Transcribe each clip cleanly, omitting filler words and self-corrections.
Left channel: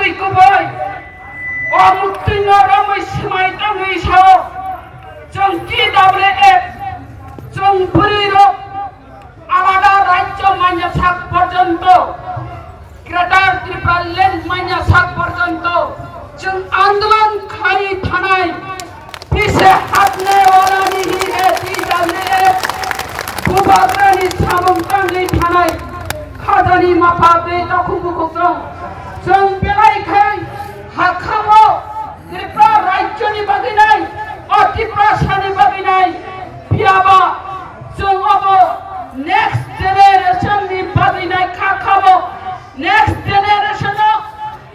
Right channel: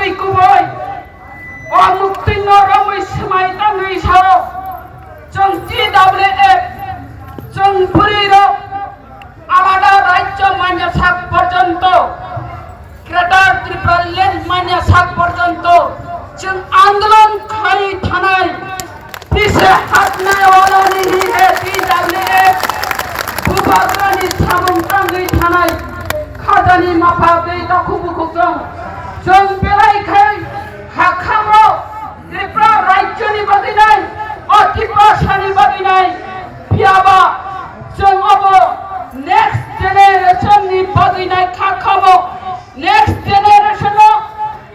Muktwi kuboy o Muktwi noromai semai tangi sao जों TWF जों Burirok আলাদা রাজ্য মান্যতা পর্যন্ত গ্রেটার ত্রিপুরাল্যান্ড মান্যতা পর্যন্ত जों आंदोलनकारी थानाय पीछे हटने वाला नहीं है TWF बुबाग्रानि सामुंतांनि थानाय खादानि माफा बे दाखुबुखौ जों बेलायखाय हाखामो त्रिपुरा राज्यनि बादिनाय त्रिपुरा सानि बादिनाय बियाबा जों अब नेक्स्ट जेनेरेशननि बादिनाय खाखामो नेक्स्ट जेनेरेशनाव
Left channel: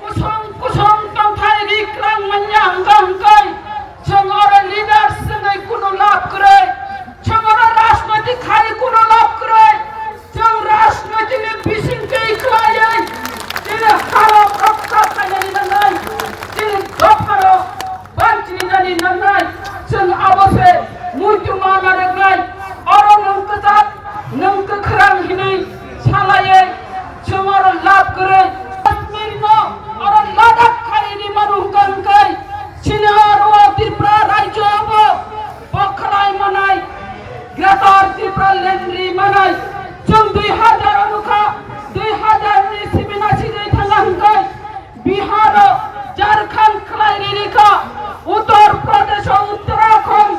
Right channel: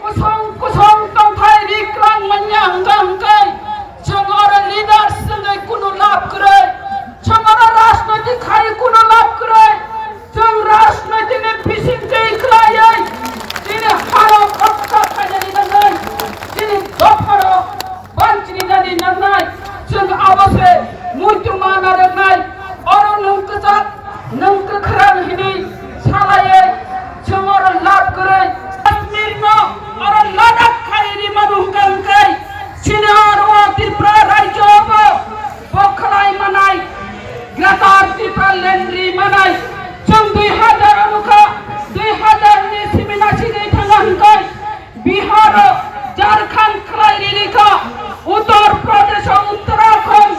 कुसुम कुसुम तंथाय रिक्लां मन्या हंगा हंगाय जों आरो लिडार्स जों कुनु लाभ करे जों आरो राजनैतिक खाय कुनु लाभ करे जों राजनैतिकनि बिसिंखै खायै दिनै हारो खक्का खायनानै नांनाय दिनै गफारो बांचिनानै नांनाय जों आबोसे मुइतुमा नारनाय आरो नंकजात नंक खरां हिनै सालायै जों आरो लाभ करे कश्मीरनो आरो लादाख खायनि मानुहगांखै सिनारो त्रिपुरा राज्योबो बखलाय मानाय ग्रेटार टिप्रालेन्डनि मानाय जों 2000नि सिमिनासिनै थांगांखै बिहार झारखंड खलायरिखा उत्तर प्रदेश उत्तराखंड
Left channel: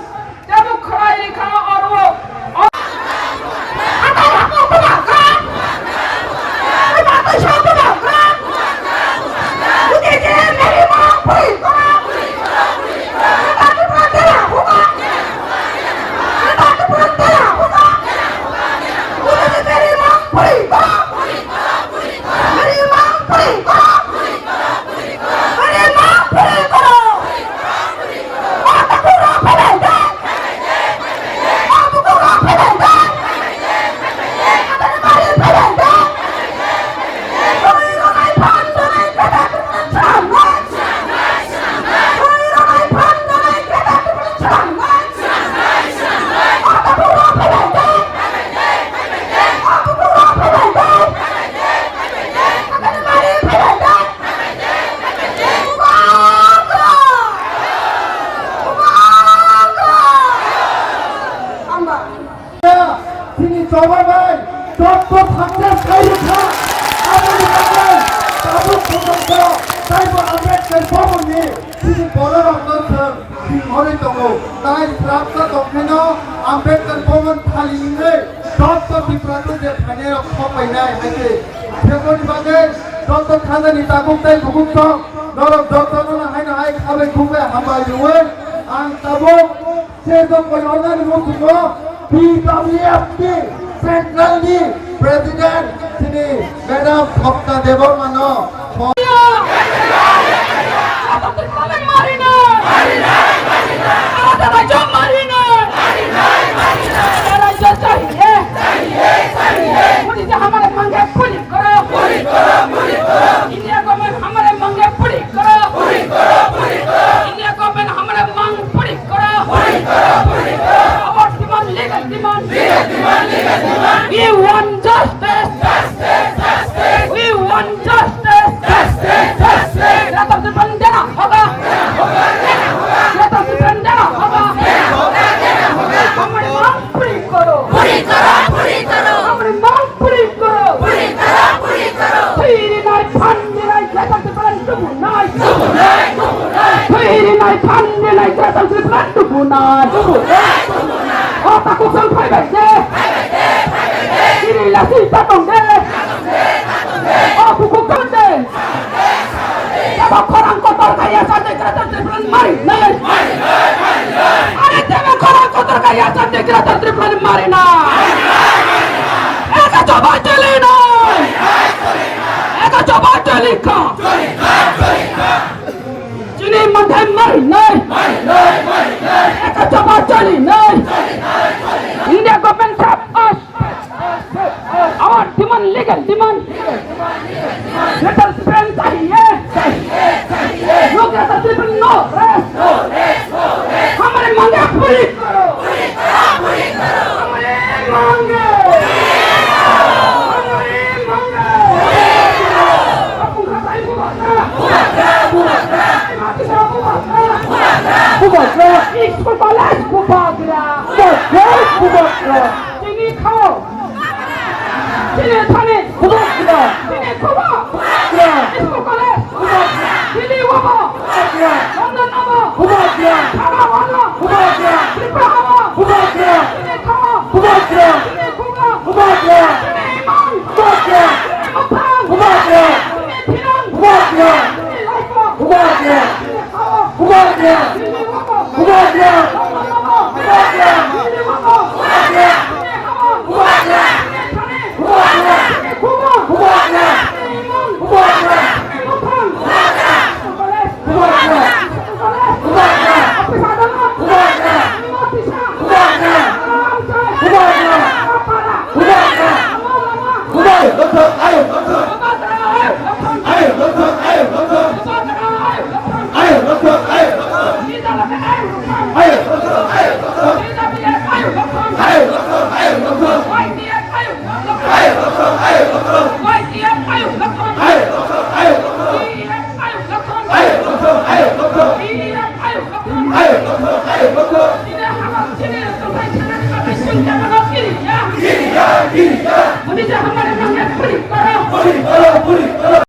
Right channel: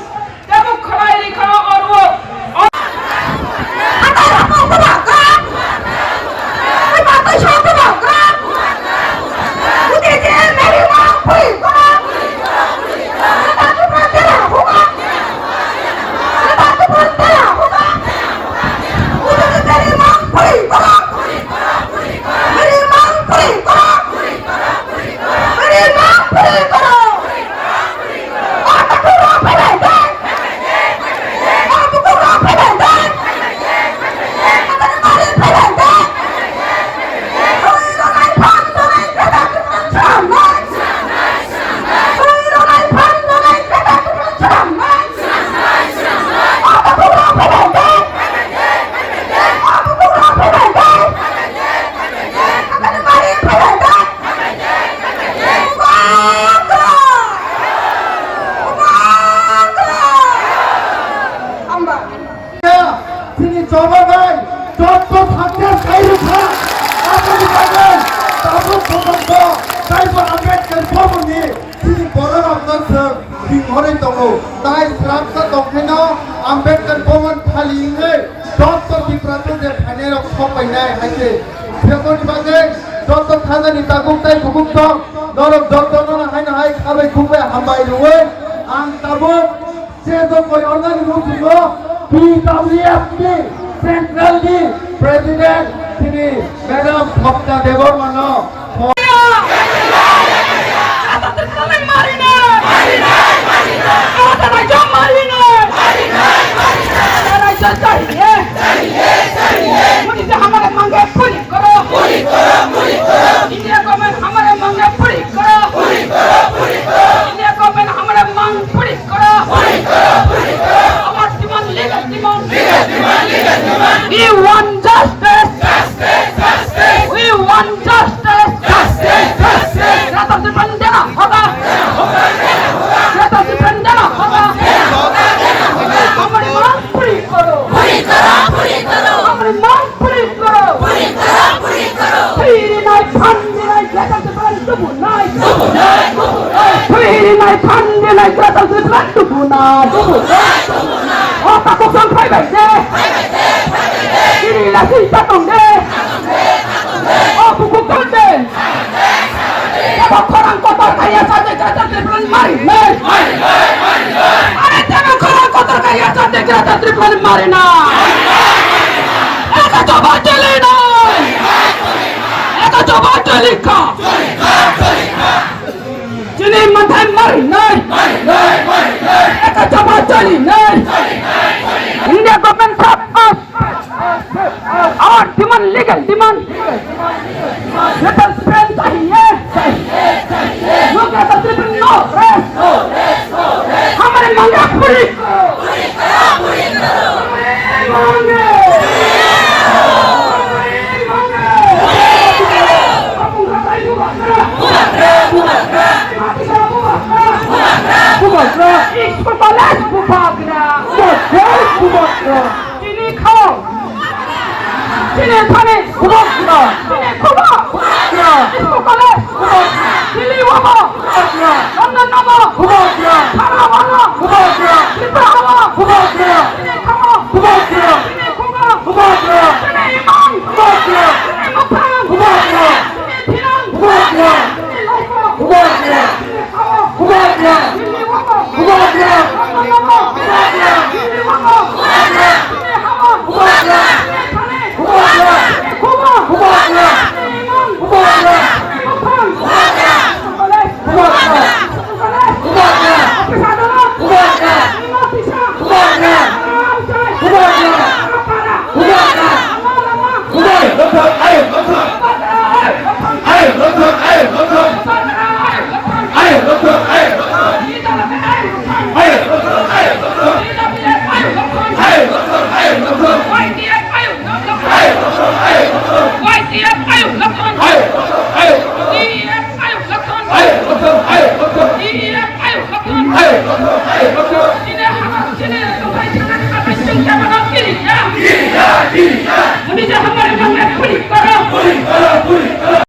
এবং খলাইলিখা অরো Chobani, Joto থাকতে সাইরিখা আপনি জানেন তাবুক পর্যন্ত সাইবো আম্বেদকর ভবনে তিনি বড় রকমের বিহরে দङ তাই প্রাপ্ত দংখানো আম্বেদকর ভবন ফালিয়ে যত ত্রিপুরাতে যে ফাইনাল খপাইনাय হাইছে বেতন বাদে যত খাজানি তাগুকতাই গুগুক নরক যত হাইনা হাই খাবে খুবে হামাই লুয়ে আং তাবুক যে দङ অর্গানি মুক্তিও TWF Central di Presiden sini Madam Bhakta Debormano We want justice. We want justice. Greta Tipraland देना होगा. Greta Tipraland देना होगा. हमारी मांग पूरी करो. हमारी मांग पूरी करो. Free night Sunday night Greta Tipraland tonight. Free night Sunday night Greta Tipraland tonight. Oh, takut sampai deh. Inilah sisa tonde. Oh, buku tonde. Apa korang kotor kayak saja Greta Tipraland mari. Ada jangan korang kotor kayak saja Greta Tipraland mari Eka coba celina. Eka coba celika. Sini mantan mari Eka coba celina. Ini government stop us. Our demand legal demand. Let us spend चाहिए. Look at the people no rest. हमारे मांगे पूरी करो. हमारे मांगे. Hey,